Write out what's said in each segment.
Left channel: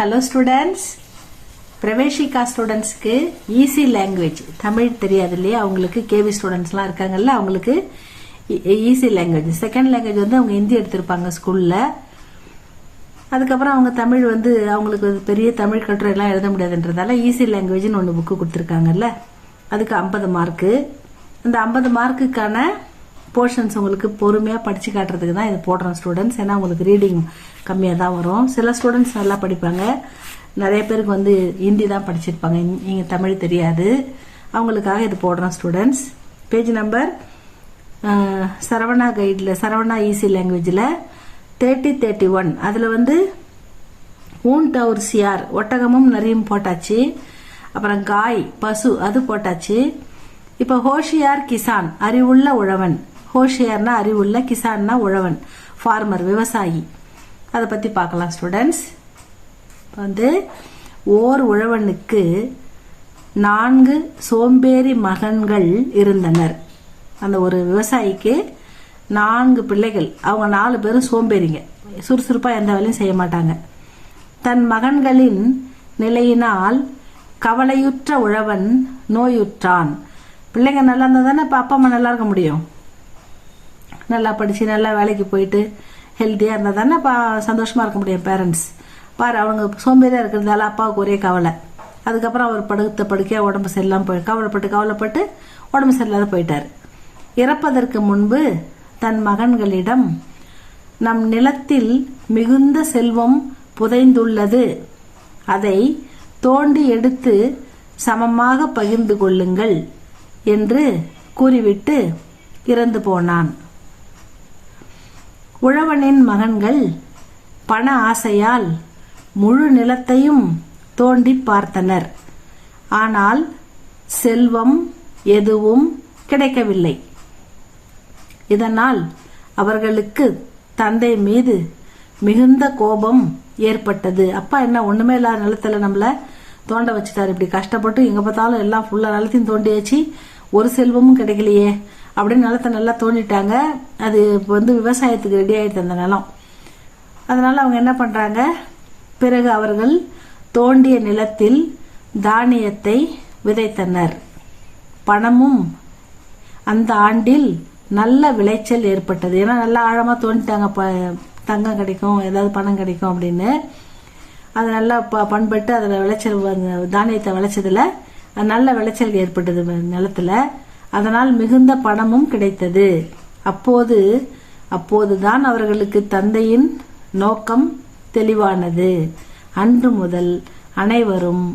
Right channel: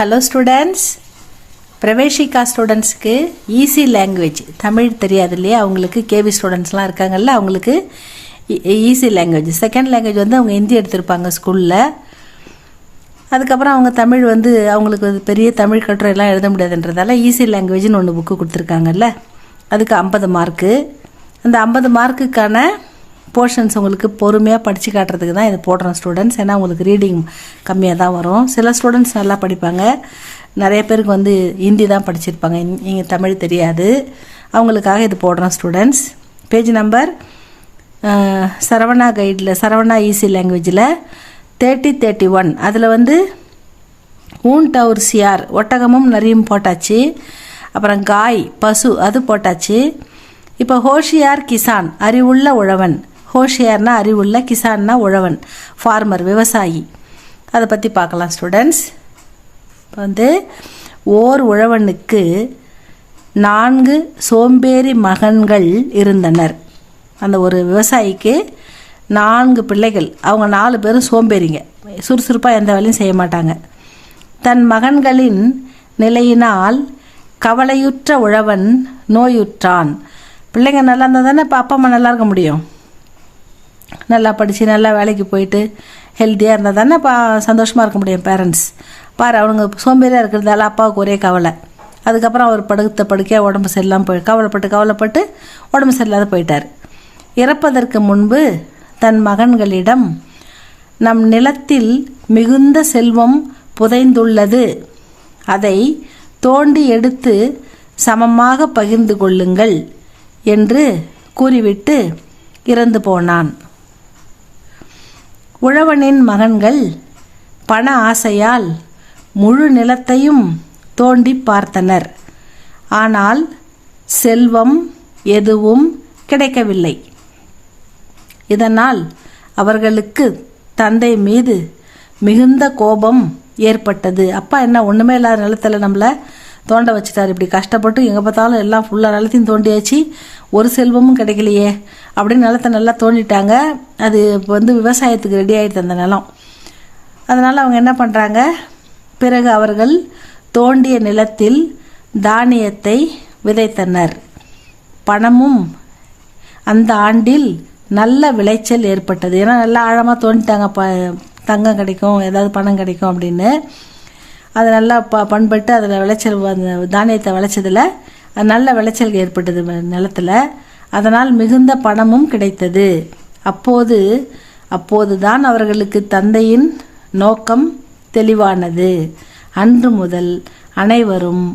Hello students, Praveshika ஸ்டூடெண்ட்ஸுக்கு easy language Tamil தெரியாது இல்லையா, அவங்களுக்கு கேவி ஸ்டூடெண்ட்ஸ்லாம் இருக்காங்கல்ல, அவங்களுக்கு ஈஸி லாங்குவேஜ். செகண்ட் லாங்குவேஜ் வந்து அவங்க ஹிந்தி எடுத்திருப்பாங்க ஸ்கூலில். அதுக்கப்புறம் அவங்க தமிழ் வந்து அவங்களுக்கு பெரிய தமிழ் கட்டுரையெல்லாம் எழுத முடியாதுன்றதால ஈஸி லாங்குவேஜ்னு ஒன்று புக்கு கொடுத்துருக்காங்கல்ல, அதுக்கு 50 மார்க்கு. அந்த 50 மார்க்குக்கான போர்ஷன்ஸ் உங்களுக்கு பொறுமையாக படித்து காட்டுறதுக்கு தான் இதை போடுறோம் ஸ்டூடெண்ட்ஸ். ஏன்னா உங்களுக்கு ரீடிங் கம்மியாக தான் வரும். சில ஸ்டூடெண்ட்ஸ் நல்லா படிப்பாங்க, நிறைய பேருக்கு வந்து ஹிந்தி தான் படிச்சிருப்பாங்க, இங்கே தமிழ் தெரியாது. அவங்களுக்காக இது போடுறோம் ஸ்டூடெண்ட்ஸ். பேஜ் நம்பர் சரவணா கைடில், சரவணா ஈஸி லாங்குவேஜில் 3031 அதில் வந்து ஊன் டவுர் சியார் ஒட்டகமும் நரியும் போட்டாச்சு. அப்புறம் காய் பசு அது போட்டாச்சு. இப்போ ஹோஷியார் கிசான் அறிவுள்ள உழவன். ஹோஷியார்னா அறிவுள்ள, கிசான்னா உழவன், ஃபார்மர் விவசாயி. அதை பற்றி பார்க்கலாம் ஸ்டூடெண்ட்ஸ். இப்போ வந்து ஓர் உழவனுக்கு 4 சோம்பேறி மகன்கள் இருந்தனர். அந்த ஒரு விவசாயிக்கு 4 பிள்ளைகள். அவங்க 4 பேரும் சோம்பேறிங்க, சுறுசுறுப்பாக எந்த வேலையும் செய்ய மாட்டாங்க. தன் மகன்களின் நிலையினால் கவலையுற்ற உழவன் நோயுற்றான். பிள்ளைங்க நல்லா இருந்தால் தானே இப்போ அப்பா அம்மா நல்லா இருக்க முடியும். நல்லா படித்து நல்லா வேலைக்கு போயிட்டு ஹெல்த்தியாக இருந்தால் தானே இப்போ சந்தோஷமாக இருக்க முடியும் பேரண்ட்ஸ். பாரு, அவங்க சோம்பேறியாக இருக்கிறதால அப்பாவுக்கு ஒரே கவலை. அதுக்கப்புறம் அவர் படுக்கையாக உடம்பு சரியில்லாமல் கவலைப்பட்டு உடம்பு சரியில்லாத போயிட்டார். இறப்பதற்கு முன்பு தன் மகன்களிடம், நம் நிலத்தில் மிகுந்த செல்வம் புதைந்துள்ளது, அதை தோண்டி எடுத்து சமமாக பகிர்ந்து கொள்ளுங்கள் என்று கூறிவிட்டு இறந்து போனான். உழவனின் மகன்கள் பண ஆசையால் முழு நிலத்தையும் தோண்டி பார்த்தனர். ஆனால் செல்வம் எதுவும் கிடைக்கவில்லை. இதனால் அவர்களுக்கு தந்தை மீது மிகுந்த கோபம் ஏற்பட்டது. அப்பா என்ன ஒன்றுமே இல்லாத நிலத்தில் நம்மளை தோண்ட வச்சுட்டார், இப்படி கஷ்டப்பட்டு எங்கே பார்த்தாலும் எல்லாம் ஃபுல்லாக நிலத்தையும் தோண்டியாச்சு, ஒரு செல்வமும் கிடைக்கலையே அப்படின்னு நிலத்தை நல்லா தோண்டிட்டாங்க. அது இப்போ வந்து விவசாயத்துக்கு ரெடி ஆகிடுது அந்த நிலம். அதனால் அவங்க என்ன பண்ணுறாங்க, பிறகு அவர்கள் தோண்டிய நிலத்தில் தானியத்தை விதைத்தனர். பணமும் அந்த ஆண்டில் நல்ல விளைச்சல் ஏற்பட்டது. ஏன்னா நல்லா ஆழமாக தோண்டிட்டாங்க, தங்கம் கிடைக்கும், ஏதாவது பணம் கிடைக்கும் அப்படின்னு. அது நல்லா பண்பட்டு அதில் விளைச்சல், அந்த தானியத்தை விளைச்சதில் நல்ல விளைச்சல் ஏற்பட்டது நிலத்தில். அதனால் மிகுந்த பணமும் கிடைத்தது. அப்போதுதான் அவர்களுக்கு தந்தையின் நோக்கம் தெளிவானது. அன்று முதல் அனைவரும்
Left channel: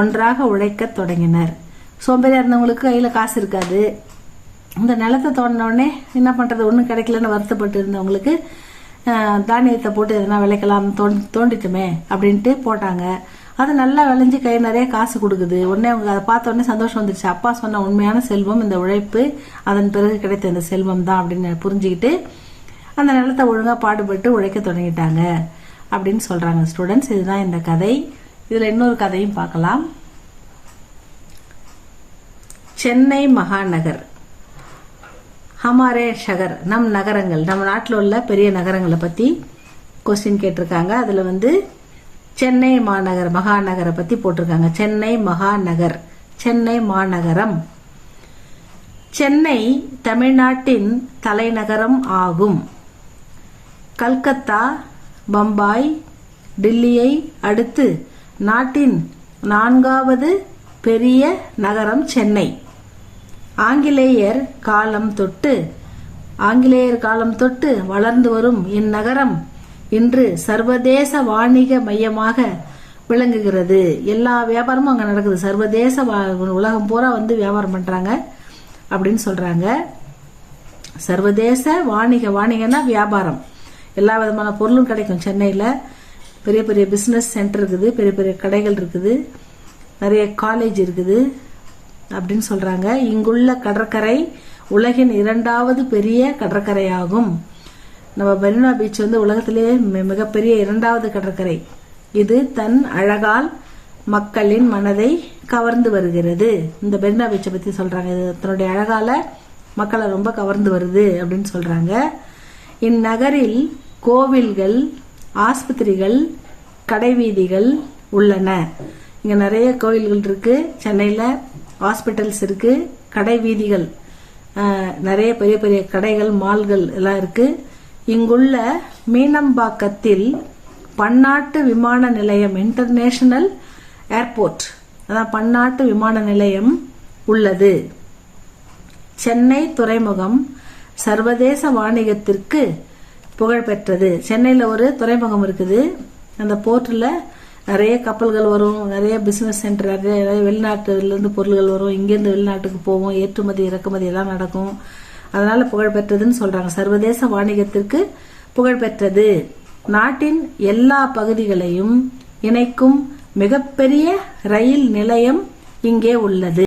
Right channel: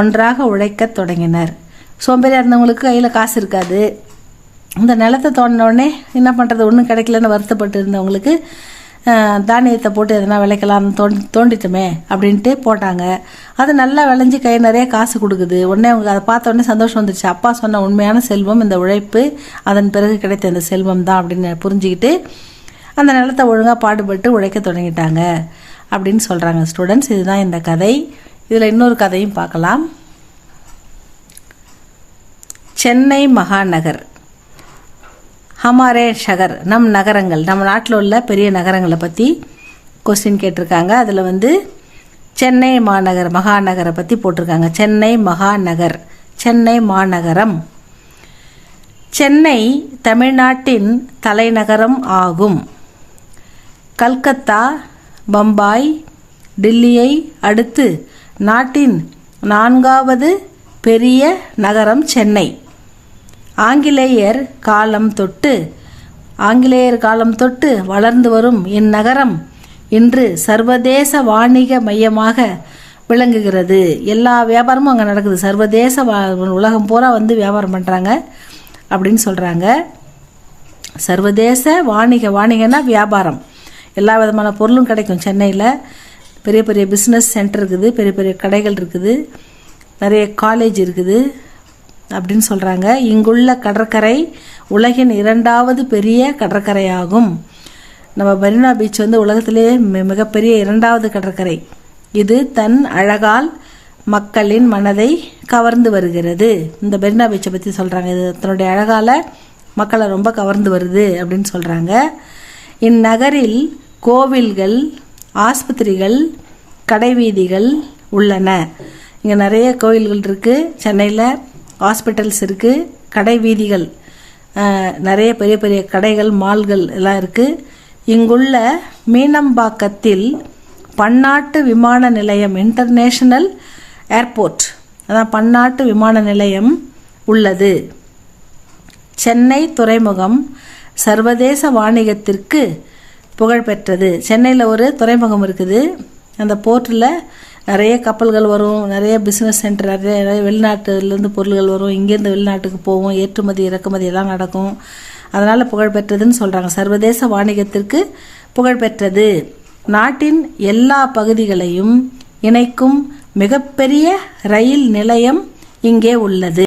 ஒன்றாக உழைக்க தொடங்கினர். சோம்பேறியாக இருந்தவங்களுக்கு கையில் காசு இருக்காது. இந்த நிலத்தை தோண்டின உடனே என்ன பண்ணுறது, ஒன்றும் கிடைக்கலன்னு வருத்தப்பட்டு இருந்தவங்களுக்கு தானியத்தை போட்டு எதனா விளைக்கலாம், தோண்டிட்டோமே அப்படின்ட்டு போட்டாங்க. அது நல்லா விளைஞ்சி கை நிறைய காசு கொடுக்குது. உடனே அவங்க அதை பார்த்த உடனே சந்தோஷம் வந்துடுச்சு. அப்பா சொன்ன உண்மையான செல்வம் இந்த உழைப்பு, அதன் பிறகு கிடைத்த இந்த செல்வம் தான் அப்படின்னு புரிஞ்சுக்கிட்டு அந்த நிலத்தை ஒழுங்காக பாடுபட்டு உழைக்க தொடங்கிட்டாங்க அப்படின்னு சொல்கிறாங்க ஸ்டூடெண்ட்ஸ். இதுதான் இந்த கதை. இதில் இன்னொரு கதையும் பார்க்கலாம். சென்னை மகாநகர், ஹமாரே ஷகர், நம் நகரங்கள், நம்ம நாட்டில் உள்ள பெரிய நகரங்களை பற்றி கொஸ்டின் கேட்டிருக்காங்க. அதில் வந்து சென்னை மகாநகரை பற்றி போட்டிருக்காங்க. சென்னை மகாநகர், சென்னை மாநகரம். சென்னை தமிழ்நாட்டின் தலைநகரம் ஆகும். கல்கத்தா, பம்பாய், டில்லியை அடுத்து நாட்டின் 4வது பெரிய நகரம் சென்னை. ஆங்கிலேயர் காலம் தொட்டு வளர்ந்து வரும் இந்நகரம் இன்று சர்வதேச வாணிக மையமாக விளங்குகிறது. எல்லா வியாபாரமும் அங்கே நடக்குது. சர்வதேச உலகம் பூரா வந்து வியாபாரம் பண்ணுறாங்க அப்படின்னு சொல்கிறாங்க. சர்வதேச வாணிகன்னா வியாபாரம், எல்லா விதமான பொருளும் கிடைக்கும் சென்னையில். பெரிய பெரிய பிஸ்னஸ் சென்டர் இருக்குது, பெரிய பெரிய கடைகள் இருக்குது, நிறைய காலேஜ் இருக்குது அப்படின்னு சொல்கிறாங்க. இங்குள்ள கடற்கரை உலகின் 2வது பெரிய கடற்கரையாகும். நம்ம மெரினா பீச் வந்து உலகத்திலேயே மிகப்பெரிய 2வது கடற்கரை. இது தன் அழகால் மக்களின் மனதை கவர்ந்து வருகிறது. இந்த மெரினா பீச்சை பற்றி சொல்கிறாங்க. இது தன்னுடைய அழகால் மக்களை ரொம்ப கவர்ந்து வருது அப்படின்னு சொல்கிறாங்க. இந்நகரில் கோவில்கள், ஆஸ்பத்திரிகள், கடைவீதிகள் உள்ளன. இங்கே நிறைய கோயில்கள் இருக்குது. சென்னையில் ஹாஸ்பிட்டல்ஸ் இருக்குது. கடை வீதிகள், நிறைய பெரிய பெரிய கடைகள், மால்கள் எல்லாம் இருக்குது. இங்குள்ள மீனம்பாக்கத்தில் பன்னாட்டு விமான நிலையம், இன்டர்நேஷனல் ஏர்போர்ட், அதான் பன்னாட்டு விமான நிலையம் உள்ளது. சென்னை துறைமுகம் சர்வதேச வாணிகத்திற்கு புகழ்பெற்றது. சென்னையில் ஒரு துறைமுகம் இருக்குது. அந்த போர்ட்டில் நிறைய கப்பல்கள் வரும், நிறைய பிஸ்னஸ் சென்டர், நிறைய வெளிநாட்டுலேருந்து பொருள்கள் வரும், இங்கேருந்து வெளிநாட்டுக்கு போவோம், ஏற்றுமதி இறக்குமதி எல்லாம் நடக்கும். அதனால் புகழ்பெற்றதுன்னு சொல்கிறாங்க. சர்வதேச வாணிகத்திற்கு புகழ்பெற்றது. நாட்டின் எல்லா பகுதிகளையும் இணைக்கும் மிகப்பெரிய ரயில் நிலையம் இங்கே உள்ளது.